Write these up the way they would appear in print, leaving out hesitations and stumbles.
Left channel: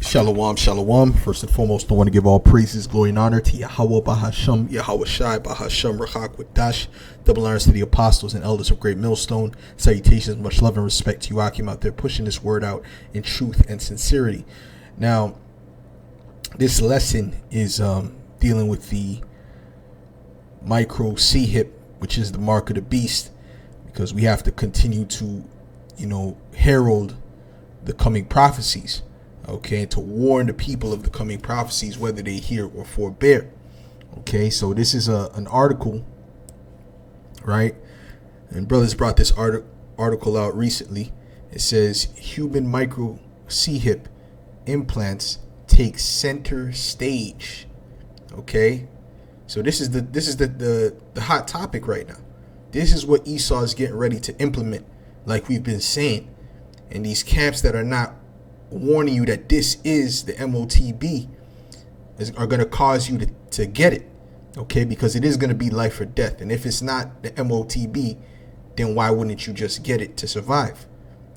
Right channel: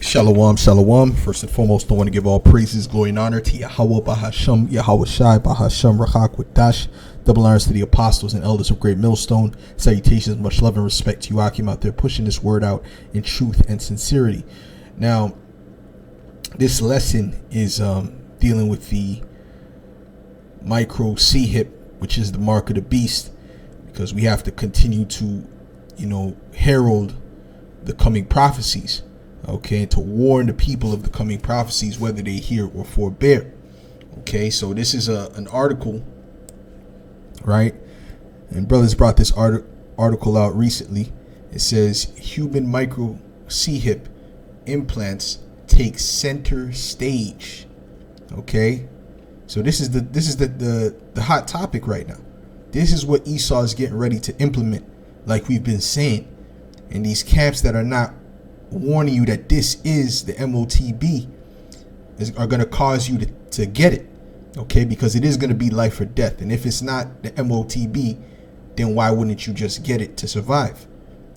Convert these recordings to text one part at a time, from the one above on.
Shalom, shalom. First and foremost, I want to give all praises, glory, and honor to Yahweh Bahasham, Yahweh Shai, Bahasham, Rachak, Wadash. Double honors to the apostles and elders of Great Millstone. Salutations, much love and respect to you, Akim, out there pushing this word out in truth and sincerity. Now, this lesson is dealing with the micro C-hip, which is the mark of the beast, because we have to continue to, herald the coming prophecies. Okay, to warn the people of the coming prophecies, whether they hear or forbear. Okay, so this is an article, right? And brothers brought this article out recently. It says human micro C-hip implants take center stage. Okay, so this is the hot topic right now. This is what Esau is getting ready to implement, like we've been saying, and these camps that are not warning you that this is the MOTB are going to cause you to get it, okay, because it is going to be life or death. And if it's not the MOTB, then why wouldn't you just get it to survive?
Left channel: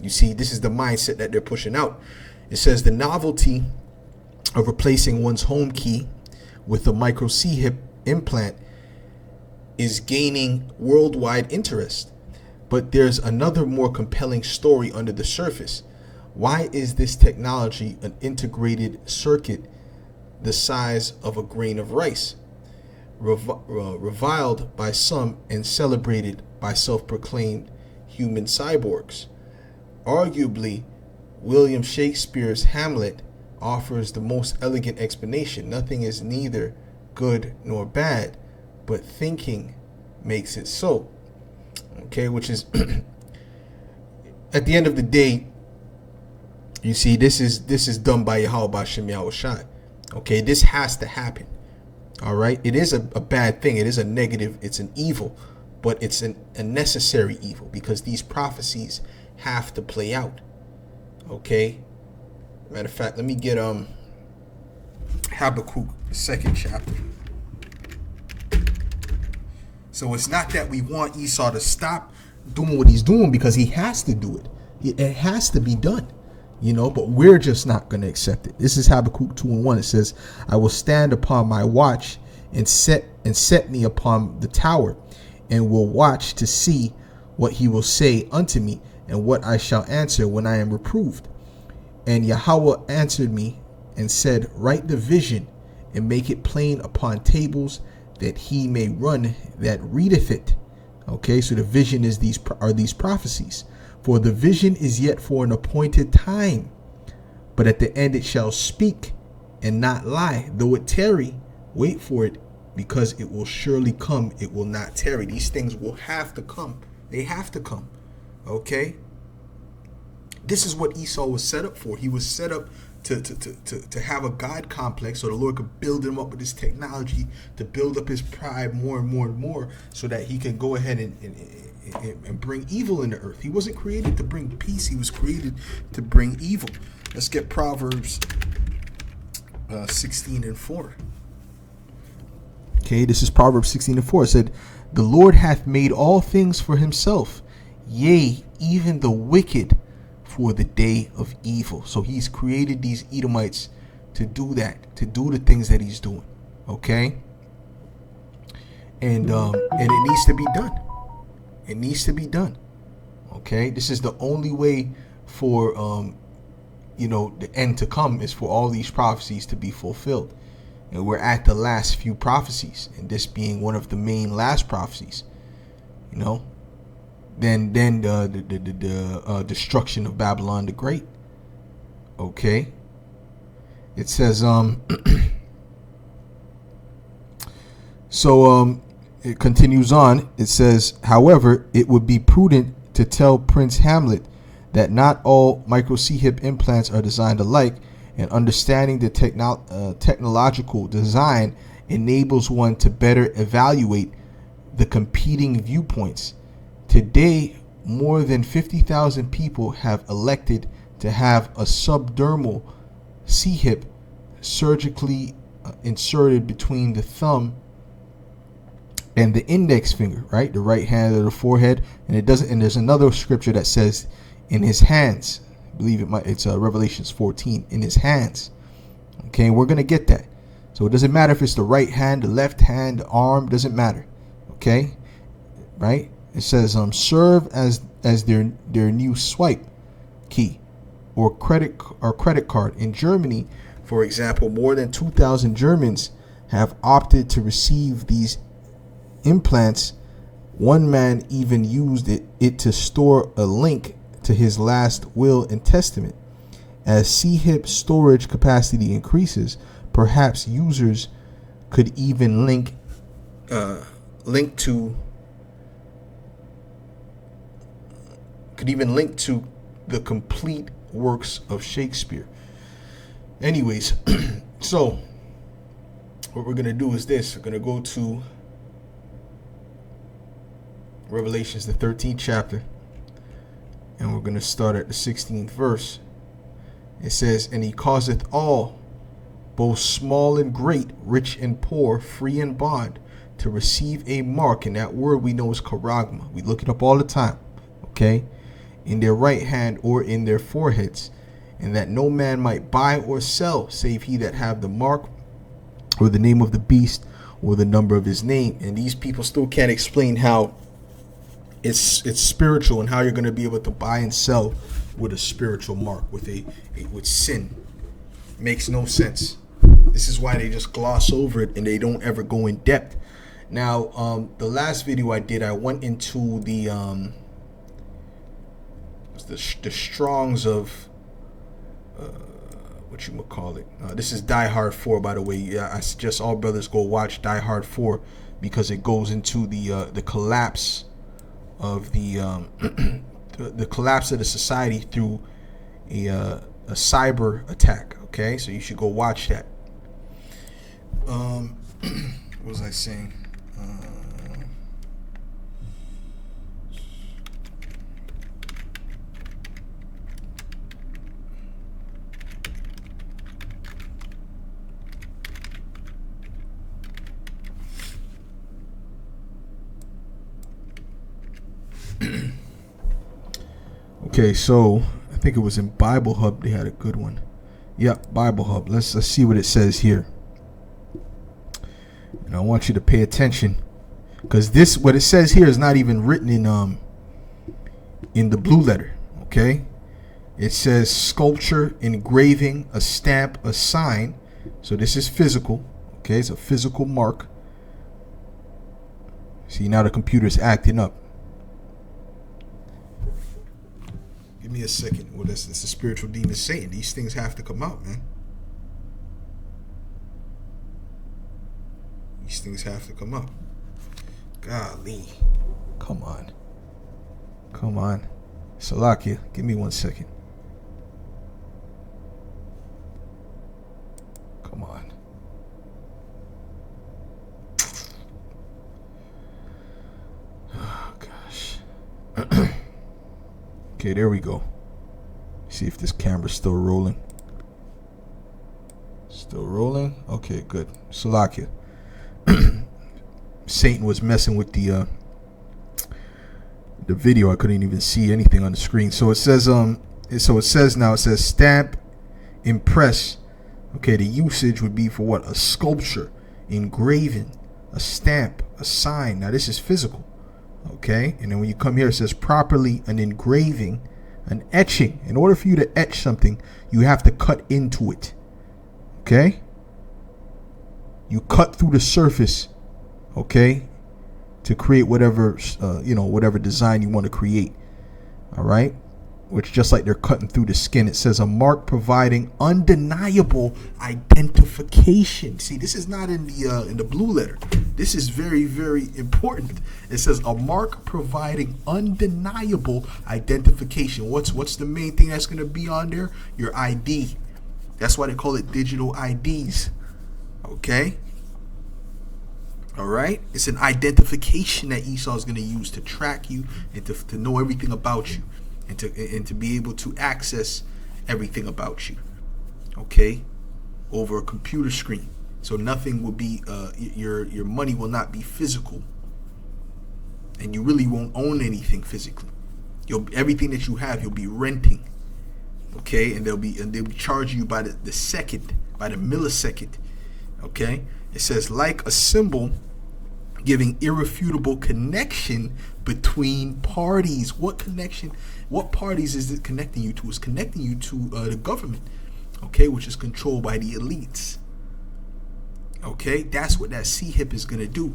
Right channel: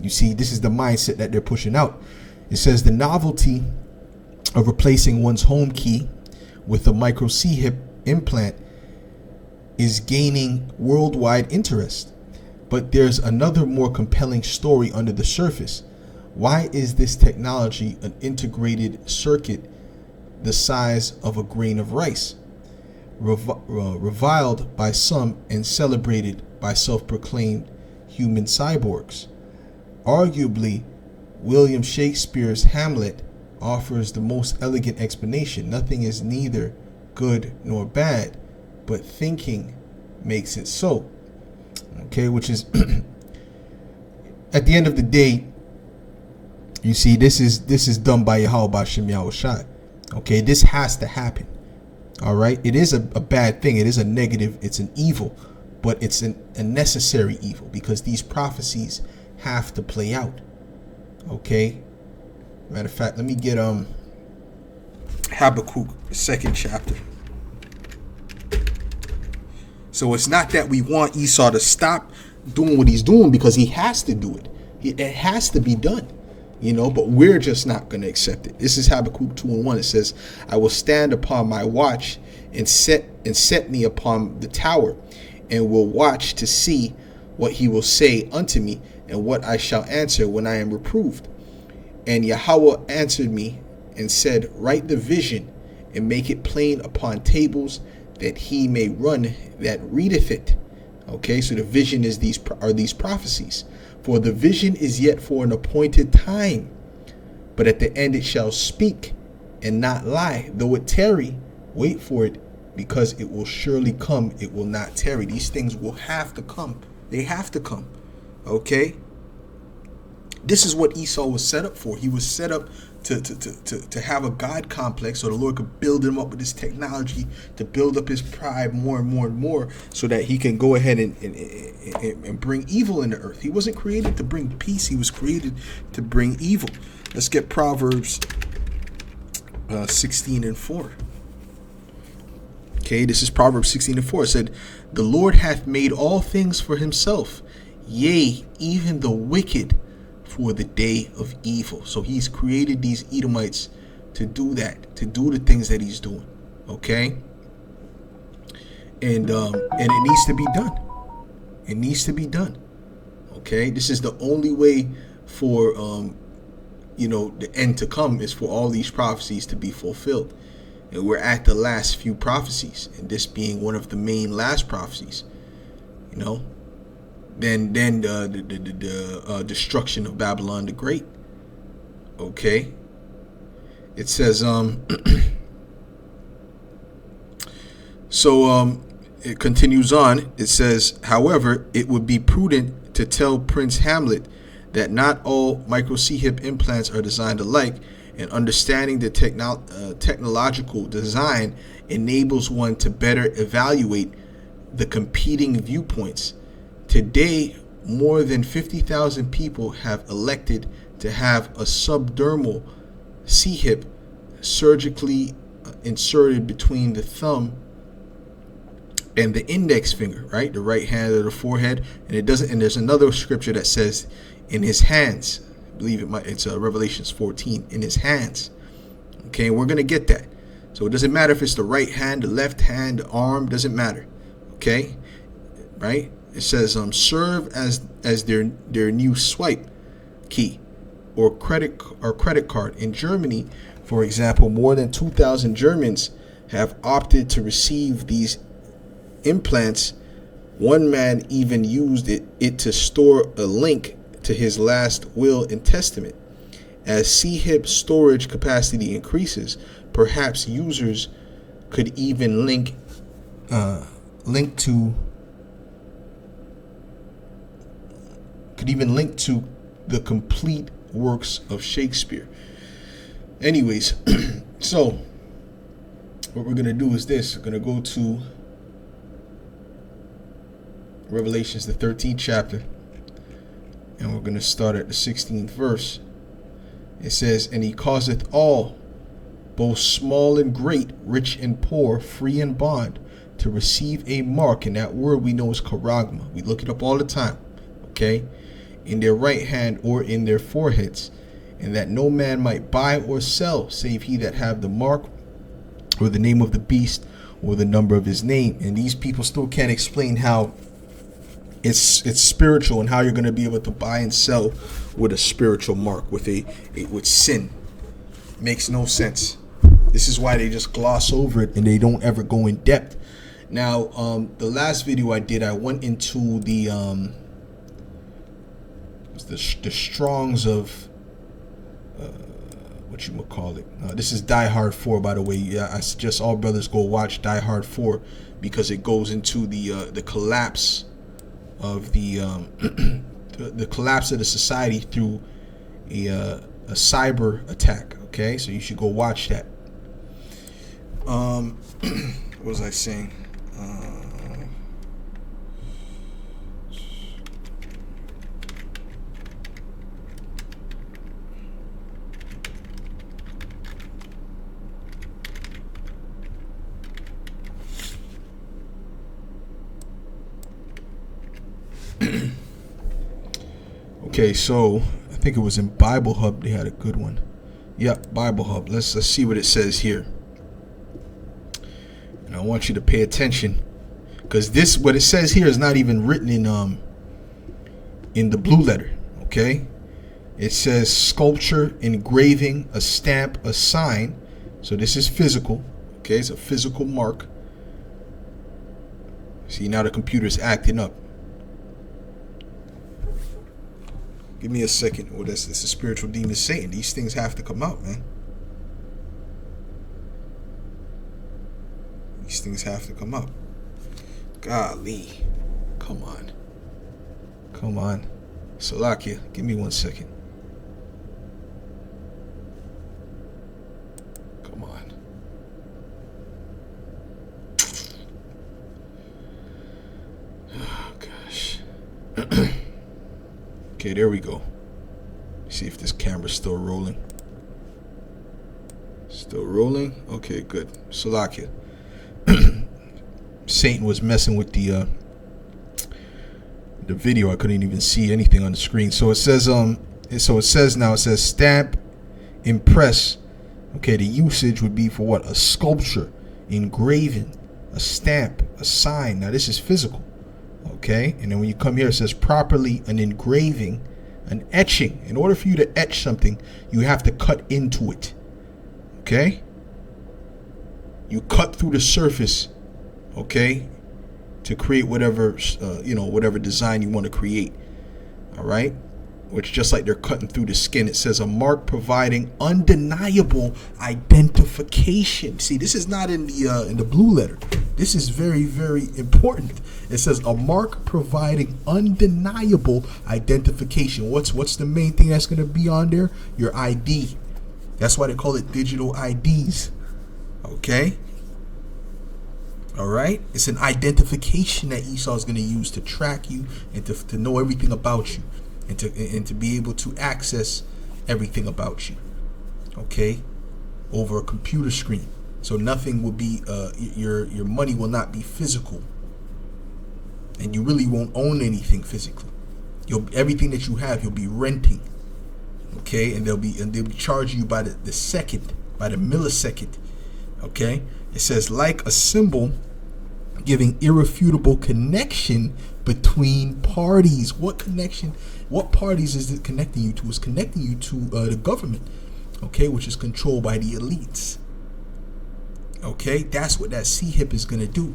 You see, this is the mindset that they're pushing out. It says the novelty of replacing one's home key with a micro C-hip implant is gaining worldwide interest, but there's another more compelling story under the surface. Why is this technology an integrated circuit the size of a grain of rice, reviled by some and celebrated by self-proclaimed human cyborgs? Arguably, William Shakespeare's Hamlet offers the most elegant explanation. Nothing is neither good nor bad, but thinking makes it so. Okay, which is at the end of the day, you see, this is done by Yahweh Bashem Yahweh Shai. Okay, this has to happen. All right, it is a bad thing. It is a negative. It's an evil, but it's a necessary evil because these prophecies have to play out. Okay. Matter of fact, let me get Habakkuk, the 2nd chapter. So it's not that we want Esau to stop doing what he's doing, because he has to do it. It has to be done. But we're just not going to accept it. This is Habakkuk 2:1. It says, I will stand upon my watch and set me upon the tower, and will watch to see what he will say unto me, and what I shall answer when I am reproved. And Yahweh answered me and said, write the vision and make it plain upon tables, that he may run that readeth it. Okay, so the vision is these prophecies. For the vision is yet for an appointed time, but at the end it shall speak and not lie. Though it tarry, wait for it, because it will surely come. It will not tarry. These things will have to come. They have to come. Okay? This is what Esau was set up for. He was set up to have a God complex, so the Lord could build him up with this technology, to build up his pride more and more and more, so that he can go ahead and bring evil in the earth. He wasn't created to bring peace. He was created to bring evil. Let's get Proverbs 16:4. Okay, this is Proverbs 16:4. It said, the Lord hath made all things for himself, yea, even the wicked for the day of evil. So he's created these Edomites to do that, to do the things that he's doing. Okay, and it needs to be done. It needs to be done. Okay, this is the only way for the end to come, is for all these prophecies to be fulfilled. And we're at the last few prophecies, and this being one of the main last prophecies. Then the destruction of Babylon the Great. Okay, it says so it continues on. It says, however, it would be prudent to tell Prince Hamlet that not all micro C-hip implants are designed alike, and understanding the technological design enables one to better evaluate the competing viewpoints. Today, more than 50,000 people have elected to have a subdermal C-hip surgically inserted between the thumb and the index finger, right? The right hand of the forehead. And it doesn't, and there's another scripture that says in his hands, believe it's Revelations 14, in his hands. Okay, and we're gonna get that. So it doesn't matter if it's the right hand, the left hand, the arm, doesn't matter. Okay, right? It says serve as their new swipe key or credit card. In Germany, for example, more than 2,000 Germans have opted to receive these implants. One man even used it to store a link to his last will and testament. As CHIP storage capacity increases, perhaps users could even link to the complete works of Shakespeare. Anyways, so what we're gonna do is this. We're gonna go to Revelations, the 13th chapter, and we're gonna start at the 16th verse. It says, "And he causeth all, both small and great, rich and poor, free and bond, to receive a mark," and that word we know is charagma. We look it up all the time, okay? "In their right hand or in their foreheads, and that no man might buy or sell, save he that have the mark, or the name of the beast, or the number of his name." And these people still can't explain how it's spiritual and how you're going to be able to buy and sell with a spiritual mark, with sin. Makes no sense. This is why they just gloss over it and they don't ever go in depth. Now, the last video I did, I went into the Strongs of what you would call it. This is Die Hard 4, by the way. Yeah, I suggest all brothers go watch Die Hard 4 because it goes into the collapse of the collapse of the society through a cyber attack. Okay, so you should go watch that. What was I saying? Okay, so I think it was in Bible Hub. They had a good one. Yep, Bible Hub. Let's see what it says here. And I want you to pay attention, because what it says here is not even written in the blue letter. Okay, it says sculpture, engraving, a stamp, a sign. So this is physical. Okay, it's a physical mark. See, now the computer's acting up. Give me a second. Well, that's a spiritual demon Satan. These things have to come out, man. These things have to come out. Golly. Come on. Come on. Salakia, give me 1 second. Come on. Oh, gosh. Okay, there we go. See if this camera's still rolling. Still rolling? Okay, good. Salakia. Satan was messing with the video. I couldn't even see anything on the screen. So it says it says stamp, impress. Okay, the usage would be for what? A sculpture, engraving, a stamp, a sign. Now this is physical. Okay, and then when you come here, it says properly an engraving, an etching. In order for you to etch something, you have to cut into it. Okay, you cut through the surface, okay, to create whatever whatever design you want to create. All right, which just like they're cutting through the skin. It says a mark providing undeniable identification. See, this is not in the blue letter. This is very, very important. It says a mark providing undeniable identification. What's the main thing that's going to be on there? Your ID. That's why they call it digital IDs. Okay. All right. It's an identification that Esau is going to use to track you and to know everything about you, and to be able to access everything about you. Okay. Over a computer screen. So nothing will be your money will not be physical, and you really won't own anything physically. Everything that you have, you'll be renting. Okay, and they'll be charging you by the second, by the millisecond. Okay, it says like a symbol giving irrefutable connection between parties. What connection? What parties is it connecting you to? It's connecting you to the government, okay, which is controlled by the elites. Okay, that's what that CHIP is gonna do.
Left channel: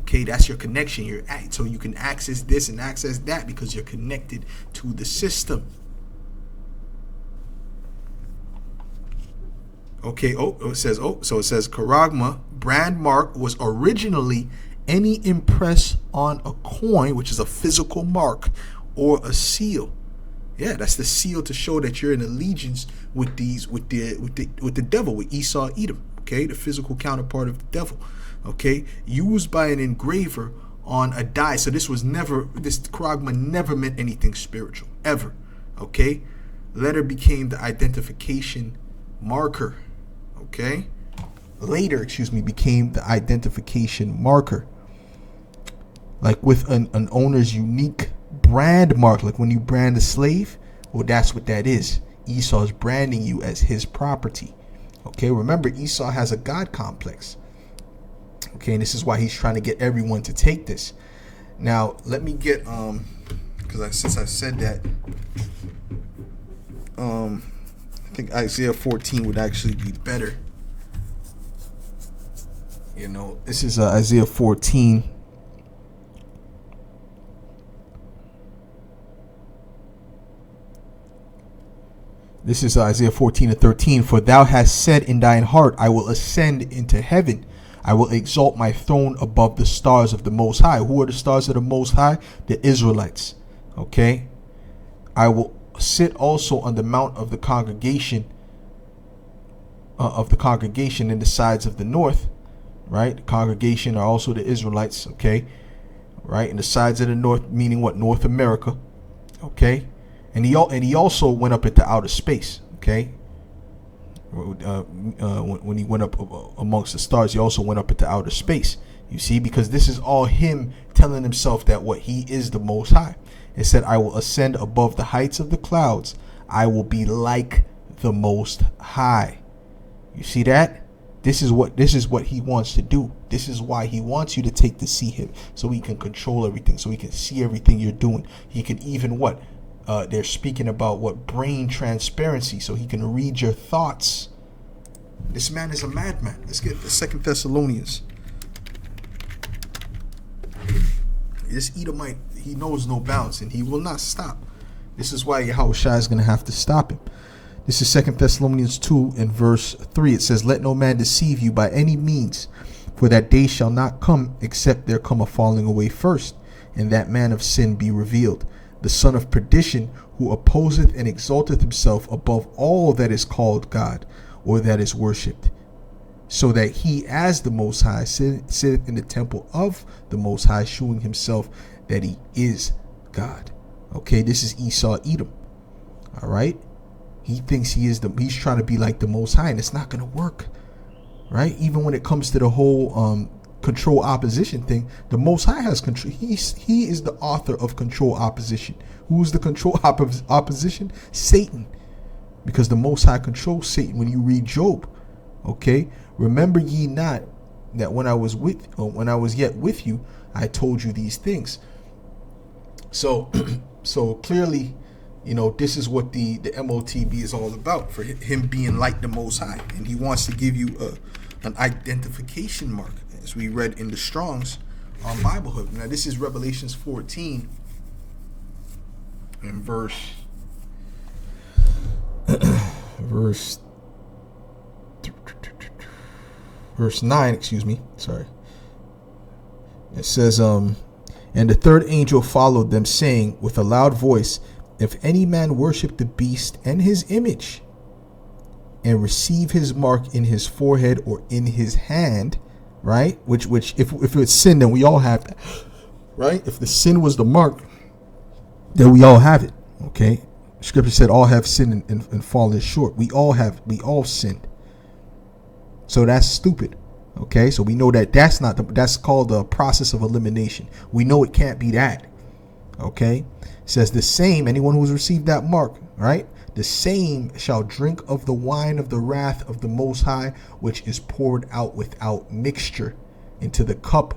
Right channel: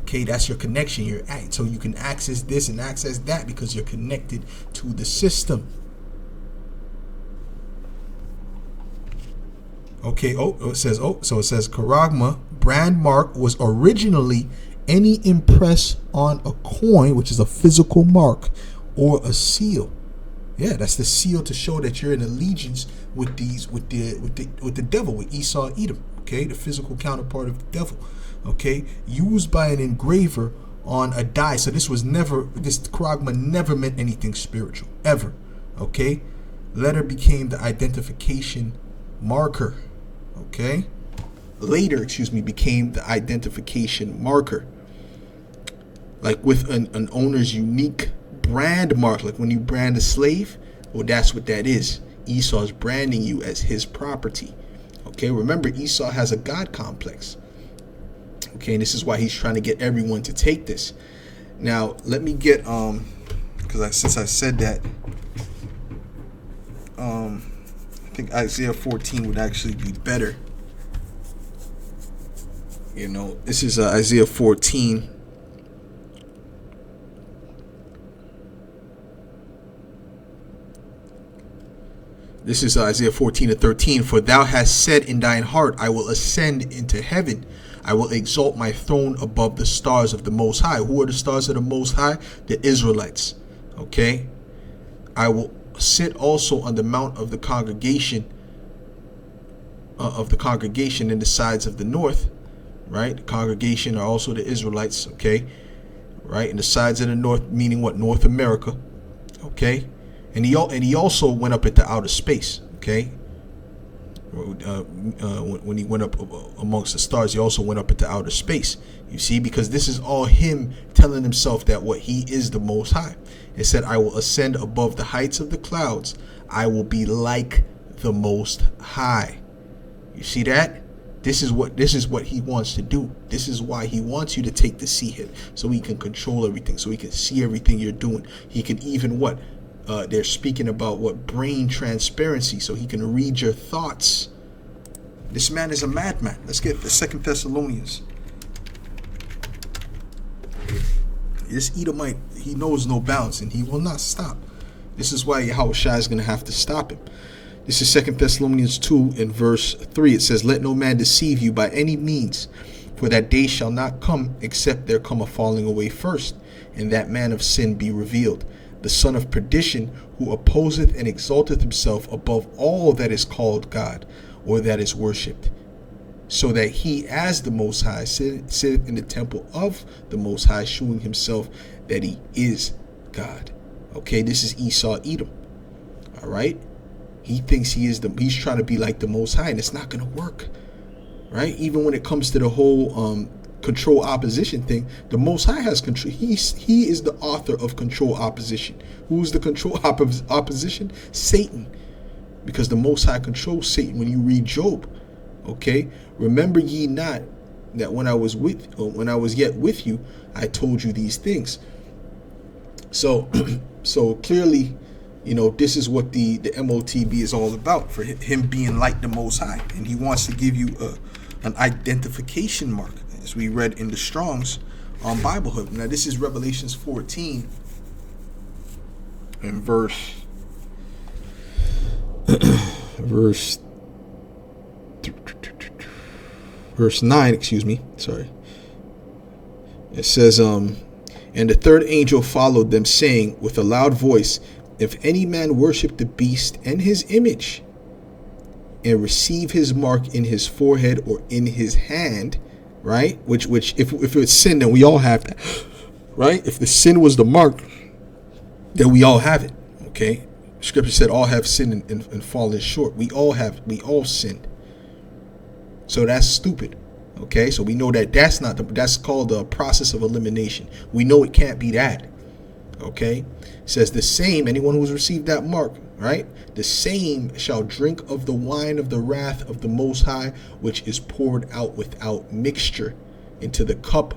Okay, that's your connection. So you can access this and access that because you're connected to the system. Okay, it says Charagma brand mark was originally any impress on a coin, which is a physical mark, or a seal. Yeah, that's the seal to show that you're in allegiance with the devil, with Esau Edom. Okay, the physical counterpart of the devil. Okay, used by an engraver on a die. So this Charagma never meant anything spiritual, ever. Okay, letter became the identification marker. Okay, later, became the identification marker. Like with an owner's unique brand mark, like when you brand a slave, well, that's what that is. Esau is branding you as his property. Okay, remember, Esau has a God complex. Okay, and this is why he's trying to get everyone to take this. Now, let me get because since I said that, I think Isaiah 14 would actually be better. You know, this is Isaiah 14. This is Isaiah 14:13. For thou hast said in thine heart, I will ascend into heaven. I will exalt my throne above the stars of the Most High. Who are the stars of the Most High? The Israelites. Okay. I will sit also on the mount of the congregation in the sides of the north. Right. The congregation are also the Israelites. Okay. Right. In the sides of the north, meaning what? North America. Okay. And he also went up into outer space. Okay. When he went up amongst the stars, he also went up into outer space. You see, because this is all him telling himself that what he is the Most High. It said, I will ascend above the heights of the clouds. I will be like the Most High. You see that? This is what he wants to do. This is why he wants you to take the CHIP, so he can control everything, so he can see everything you're doing. He can even what? They're speaking about what? Brain transparency, so he can read your thoughts. This man is a madman. Let's get the 2 Thessalonians. This Edomite, he knows no bounds, and he will not stop. This is why Yahushua is going to have to stop him. This is 2 Thessalonians 2 and verse 3. It says, let no man deceive you by any means, for that day shall not come except there come a falling away first, and that man of sin be revealed, the son of perdition, who opposeth and exalteth himself above all that is called God, or that is worshipped, so that he as the Most High sitteth in the temple of the Most High, shewing himself that he is God. Okay, this is Esau Edom. All right, he thinks he's trying to be like the Most High, and it's not going to work. Right, even when it comes to the whole control opposition thing, the Most High has control. He is the author of control opposition. Who's the control opposition? Satan. Because the Most High controls Satan. When you read Job, okay, remember ye not that when I was yet with you, I told you these things. So clearly, you know, this is what the MOTB is all about, for him being like the Most High, and he wants to give you an identification mark, as we read in the Strong's on Bible Hub. Now this is Revelations 14 and verse 9, sorry. It says, and the third angel followed them, saying with a loud voice, if any man worship the beast and his image, and receive his mark in his forehead or in his hand, right? Which if it's sin, then we all have that, right? If the sin was the mark, then we all have it. Okay. Scripture said all have sinned and fallen short. We all sinned. So that's stupid. Okay, so we know that's called the process of elimination. We know it can't be that. Okay, it says the same, anyone who's received that mark right? The same shall drink of the wine of the wrath of the Most High, which is poured out without mixture into the cup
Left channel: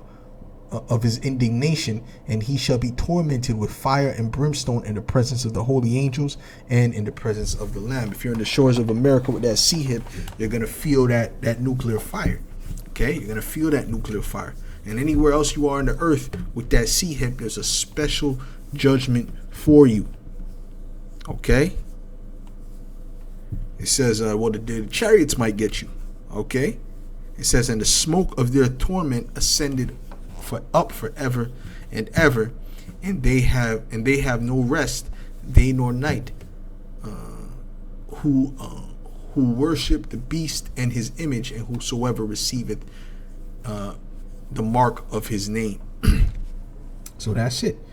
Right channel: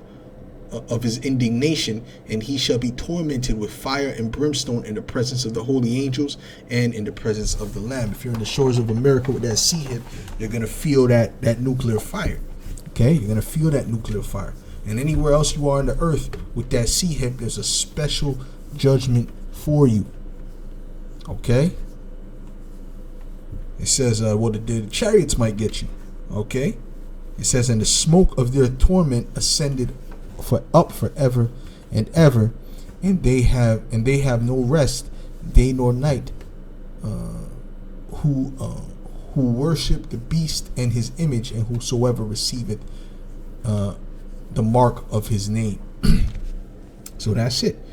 of his indignation, and he shall be tormented with fire and brimstone in the presence of the holy angels and in the presence of the Lamb. If you're in the shores of America with that sea hip, you're going to feel that nuclear fire. Okay, you're going to feel that nuclear fire. And anywhere else you are on the earth with that sea hip, there's a special judgment for you. Okay? It says, the chariots might get you. Okay? It says, and the smoke of their torment ascended up forever and ever, and they have no rest, day nor night, who worship the beast and his image, and whosoever receiveth the mark of his name. So that's it.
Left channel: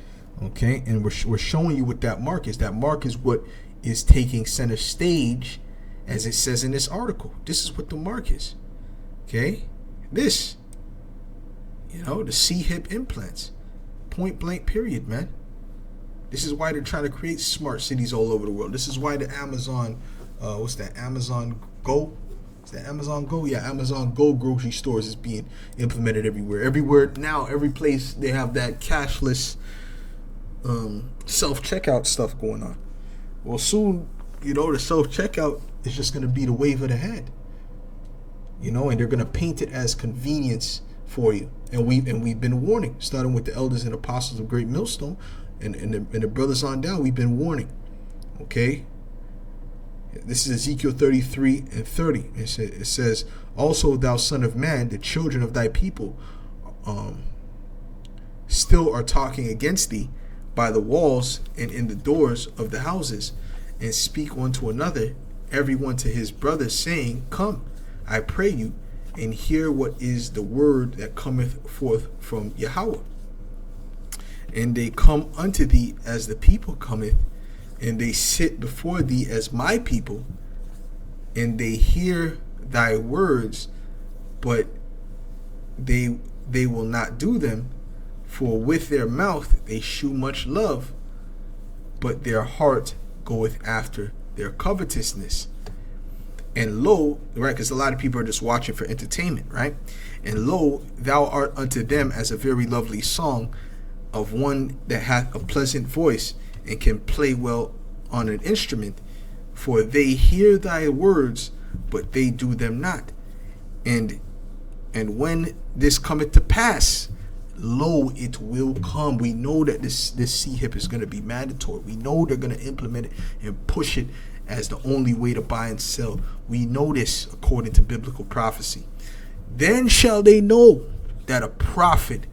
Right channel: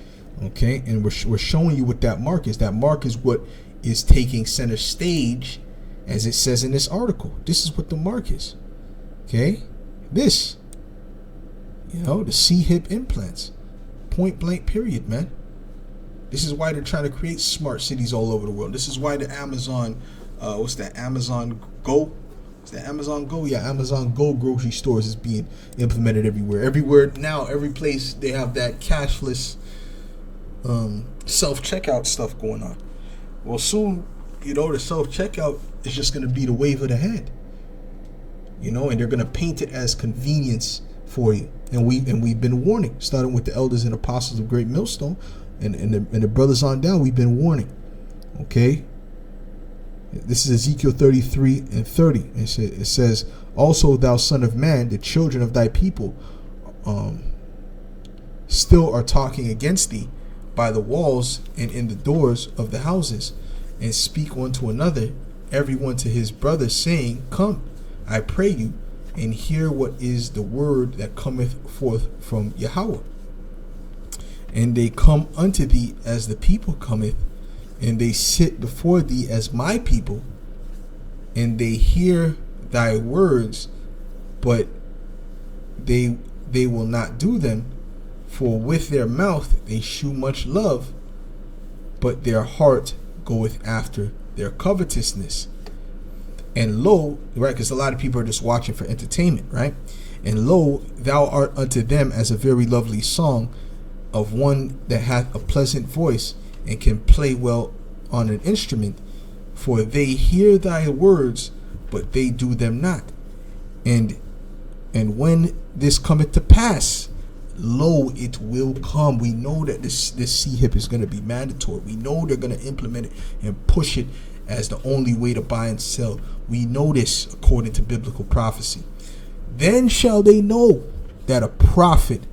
Okay, and we're showing you what that mark is. That mark is what is taking center stage, as it says in this article. This is what the mark is. Okay, this, the C-hip implants, point blank period, man. This is why they're trying to create smart cities all over the world. This is why the Amazon, Amazon Go? Is that Amazon Go? Yeah, Amazon Go grocery stores is being implemented everywhere. Everywhere now, every place they have that cashless self-checkout stuff going on. Well, soon, the self-checkout is just going to be the wave of the hand. And they're going to paint it as convenience for you. And we've been warning, starting with the elders and apostles of Great Millstone and the brothers on down. We've been warning. Okay. This is Ezekiel 33 and 30. It says, also, thou son of man, the children of thy people still are talking against thee by the walls and in the doors of the houses, and speak one to another, every one to his brother, saying, come, I pray you, and hear what is the word that cometh forth from Yahweh. And they come unto thee as the people cometh, and they sit before thee as my people, and they hear thy words, but they will not do them. For with their mouth they shew much love, but their heart goeth after their covetousness. And lo, right, because a lot of people are just watching for entertainment, right? And lo, thou art unto them as a very lovely song of one that hath a pleasant voice and can play well on an instrument. For they hear thy words, but they do them not. And when this cometh to pass, lo, it will come. We know that this C-hip is going to be mandatory. We know they're going to implement it and push it as the only way to buy and sell. We know this according to biblical prophecy. Then shall they know that a prophet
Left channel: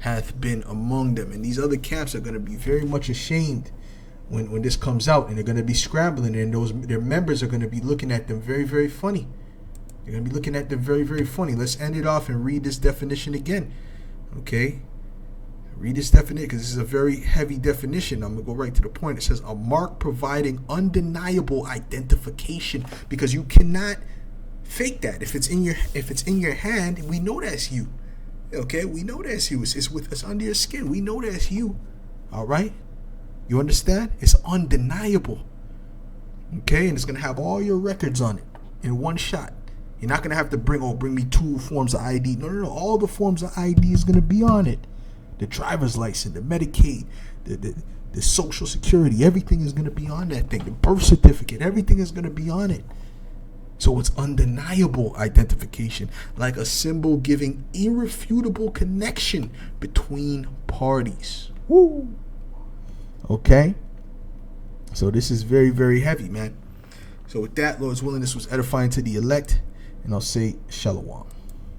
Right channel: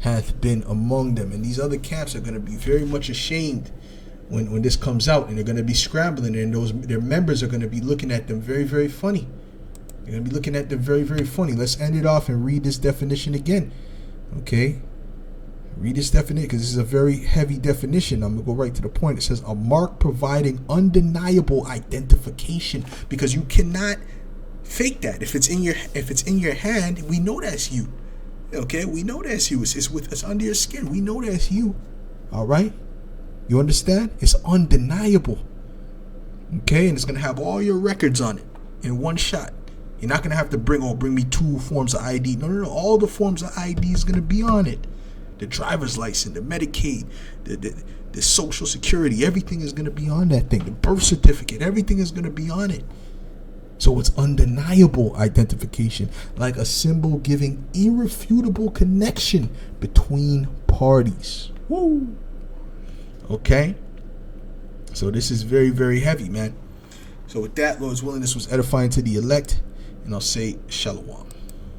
hath been among them. And these other camps are going to be very much ashamed when this comes out, and they're going to be scrambling, and their members are going to be looking at them very, very funny. They're going to be looking at them very, very funny. Let's end it off and read this definition again. Okay, read this definition, because this is a very heavy definition. I'm gonna go right to the point. It says, a mark providing undeniable identification, because you cannot fake that. If it's in your hand, we know that's you. Okay, we know that's you. It's under your skin. We know that's you. All right, you understand? It's undeniable. Okay, and it's gonna have all your records on it in one shot. You're not going to have to bring me 2 forms of ID. No. All the forms of ID is going to be on it. The driver's license, the Medicaid, the Social Security, everything is going to be on that thing. The birth certificate, everything is going to be on it. So it's undeniable identification, like a symbol giving irrefutable connection between parties. Woo! Okay? So this is very, very heavy, man. So with that, Lord's willing, this was edifying to the elect. And I'll say shalom.